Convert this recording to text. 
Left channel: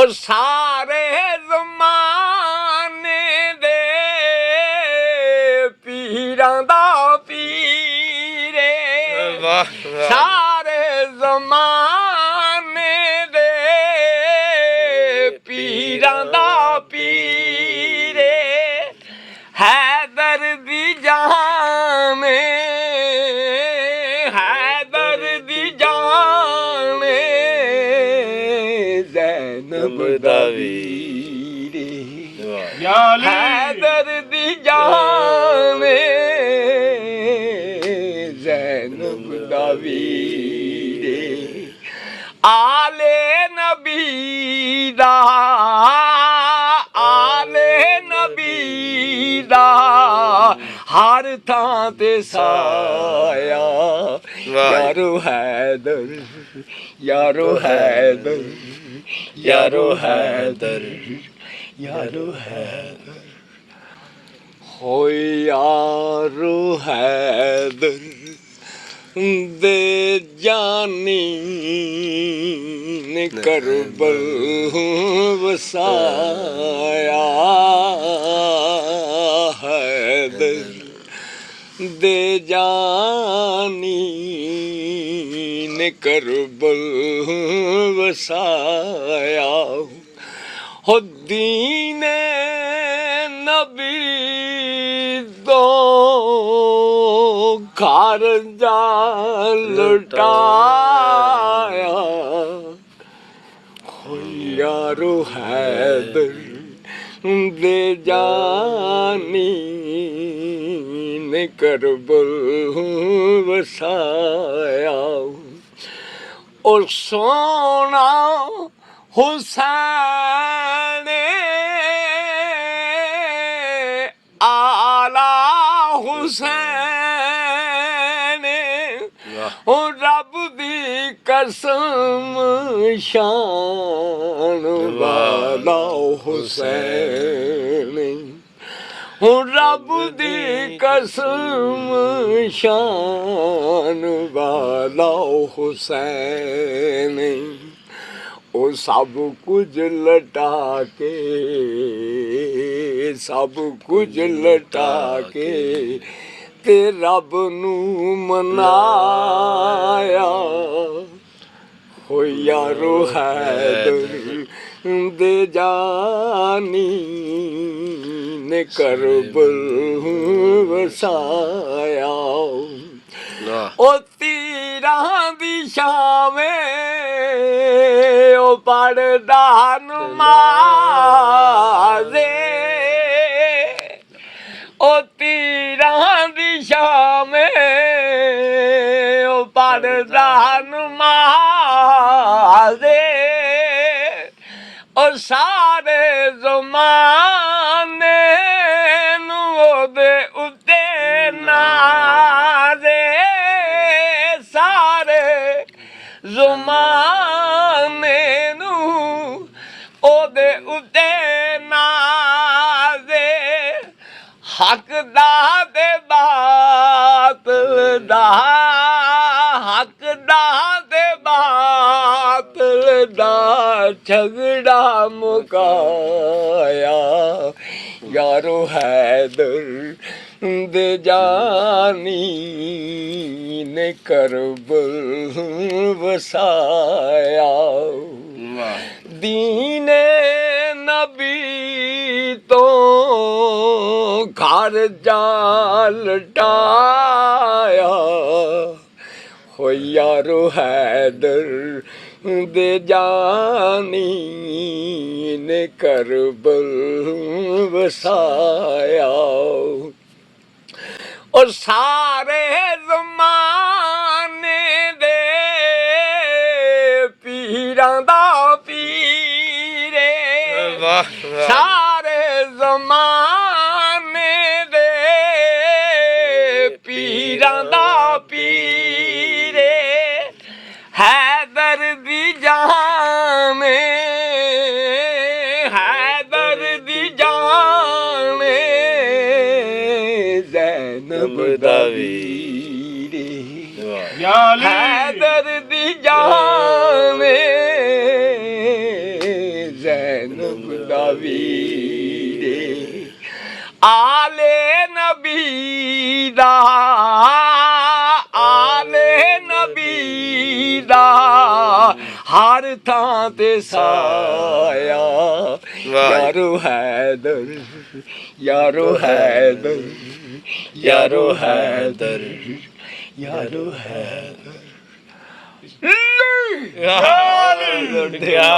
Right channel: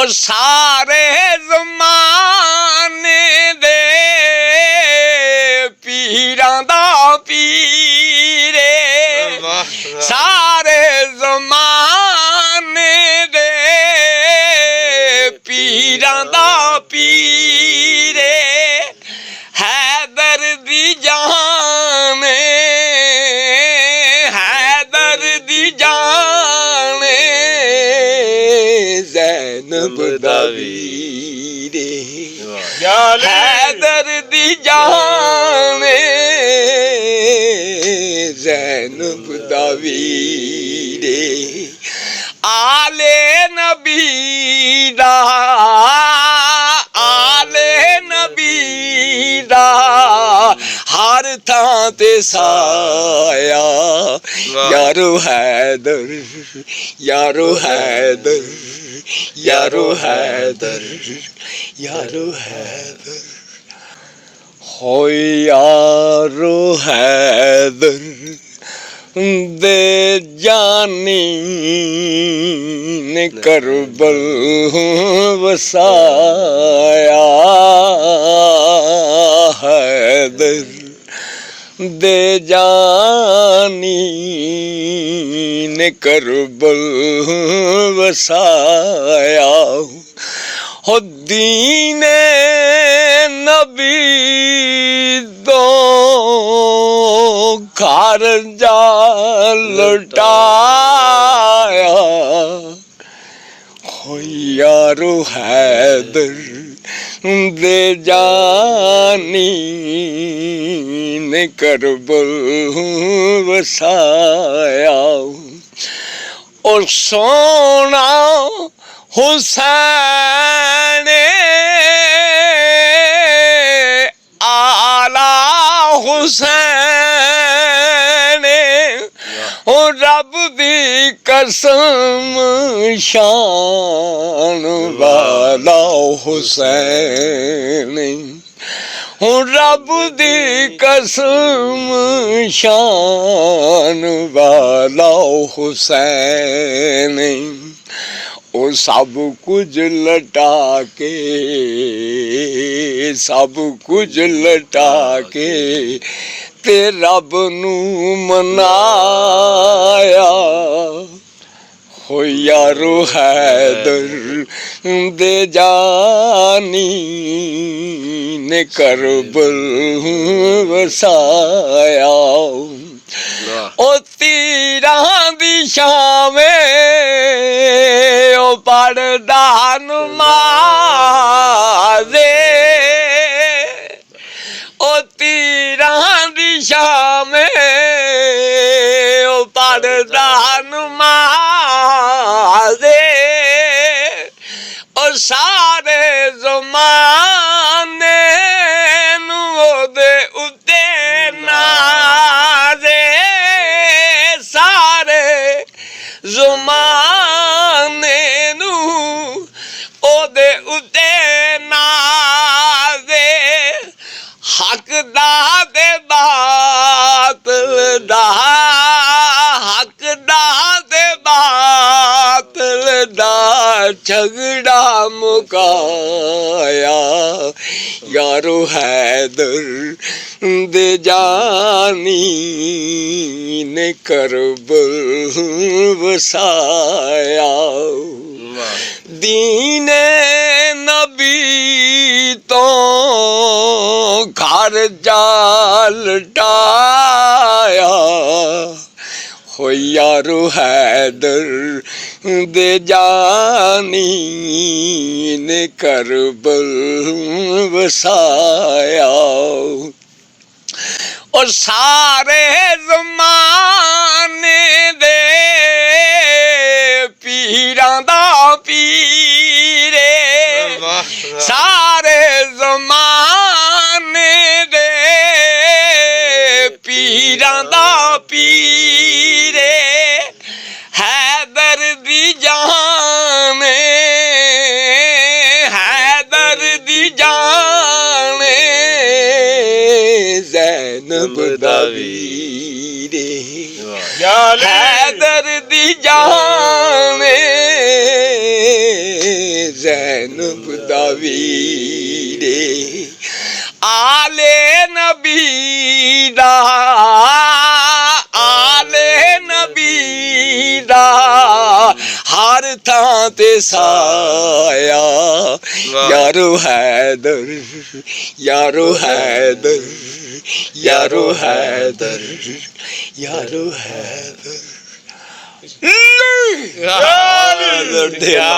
ਉਹ ਸਾਰੇ ਜ਼ਮਾਨੇ ਦੇ ਪੀਰਾਂ ਦਾ ਪੀਰੇ ਸਾਰੇ ਜ਼ਮਾਨੇ ਦੇ ਪੀਰਾਂ ਦਾ ਪੀਰੇ ਹੈਦਰ ਦੀ ਜਾਨ ਹੈਦਰ ਦੀ ਜਾਨ ਜ਼ੈਨਬ ਦਾ ਵੀਰੇ ਹੈਦਰ ਦੀ ਜਾਨ ਜ਼ੈਨਬ ਦਾ ਵੀਰੇ ਆਲੇ ਨਬੀ ਦਾ ਹਰ ਥਾਂ ਤੇ ਸਾਇਆ ਯਾਰੋ ਹੈਦਰ ਯਾਰੋ ਹੈਦਰ ਯਾਰੋ ਹੈਦਰ ਯਾਰੋ ਹੈਦਰ ਹੋਏ ਯਾਰੋ ਹੈਦਰ ਦੇ ਜਾਨੀ ਨੇ ਕਰਬਲ ਵਸਾਇਆ हैदर दे जानी ने करबल वसाया हो दीने नबी दो घर जा लुटाया हो यारो हैदर दे जानी ने करबल वसाया और सोना हुसैन आला हुसैन और रब दी कसम शान वाला हुसैन रब दी कसम शान वाला हुसैन ओ सब कुछ लटा के सब कुछ लटा के ते रब नू मनाया हो यारो हैदर दे जानी ने करबल वसाया ओ तीरां दी छावें ओ पढ़दा नमाज़े ओ तीरां दी छावें ओ पढ़दा नमाज़े ओ सारे ज़माने दे उत्ते नाज़े सारे ज़माने नू ओदे उत्ते नाज़े हक दा ते बातिल दा हक दा ते बातिल दा झगड़ा मुकाया यारो हैदर दे जानी ने करबल वसाया दीने नबी तो घर जा लटाया हो यारो हैदर दे जानी ने करबल वसाया और सारे ज़माने दे पीरां दा पीरे सारे ज़माने दे पीरां दा पीरे हैदर दी जान हैदर दी जान ज़ैनब दा वीरे हैदर दी जान ਜ਼ੈਨਬ ਦਾ ਵੀਰੇ ਆਲੇ ਨਬੀ ਦਾ ਹਰ ਥਾਂ ਤੇ ਸਾਇਆ ਯਾਰੋ ਹੈਦਰ ਯਾਰੋ ਹੈਦਰ ਯਾਰੋ ਹੈਦਰ ਯਾਰੋ ਹੈਦਰ ਕਿਆ